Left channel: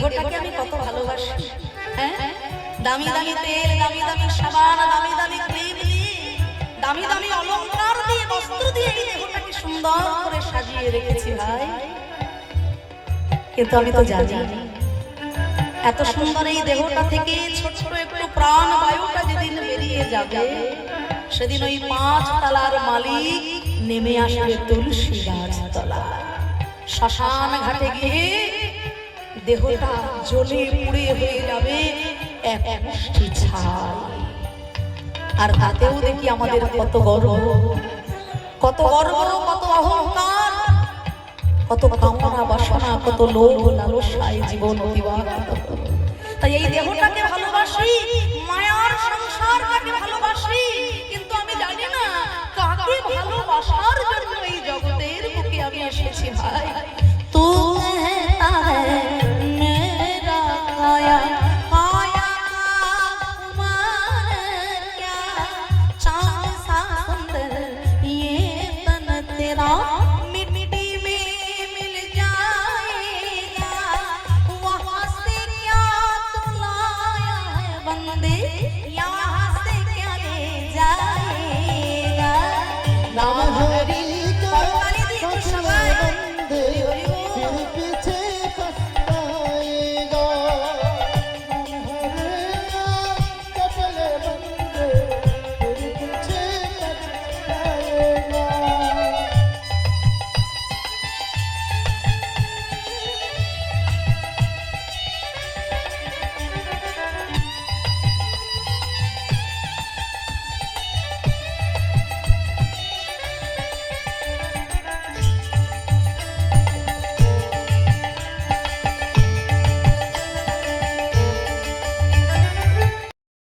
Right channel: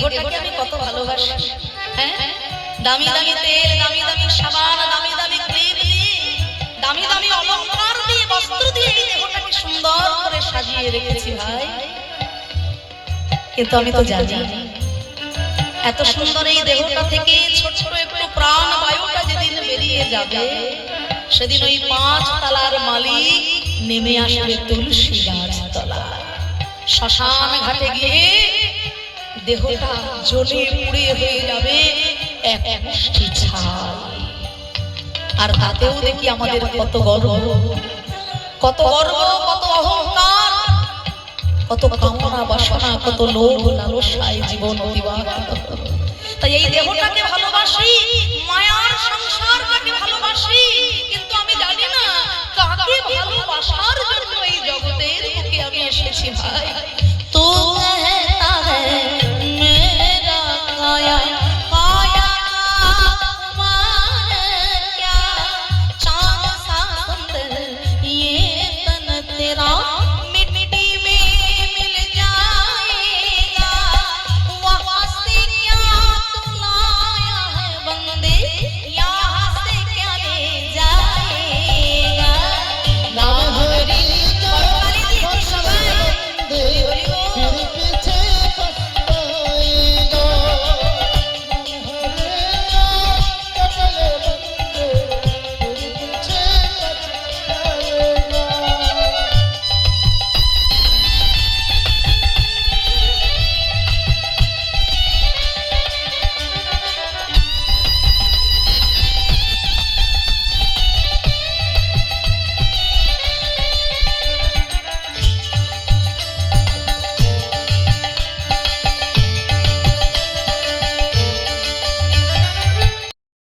দেহটাকে আমি কত ভালোবাসি। হ্যাঁ, দামি দামি তেল, দামি দামি সাবান, দামি দামি ক্রিম দিয়ে, দামি দামি অলংকার দিয়ে, বস্ত্র দিয়ে এই দেহটাকে সুন্দর করে সাজিয়ে রেখেছি ভাই। কিন্তু আমি তো জানি এত সুন্দর এই দেহটা থেকে ছোট ছোট একটু প্রাণ বায়ুটা যেদিন বেরিয়ে যাবে, সেদিন ওই 5 তলার মালিক নেমে আসবে তুলসী গাছ তলা। শ্মশান ঘাটে গিয়ে দেহটা জ্বলে পুড়ে হয়ে যাবে এক মুষ্টি ছাই। আর তাতেও দেখি আমাদের কত গর্ব, কত গর্ব, কত অহংকার, কত কামনা বাসনা, কত লোভ লালসায় জীবন অতিবাহিত। তাই এই দেহটাকে ভালোবাসি, মায়ার সংসারটাকে ভালোবাসি, কিন্তু আমি জানি না কাকে ভালোবাসার জন্য এই জগতের বুকে আমি এসেছি ভাই।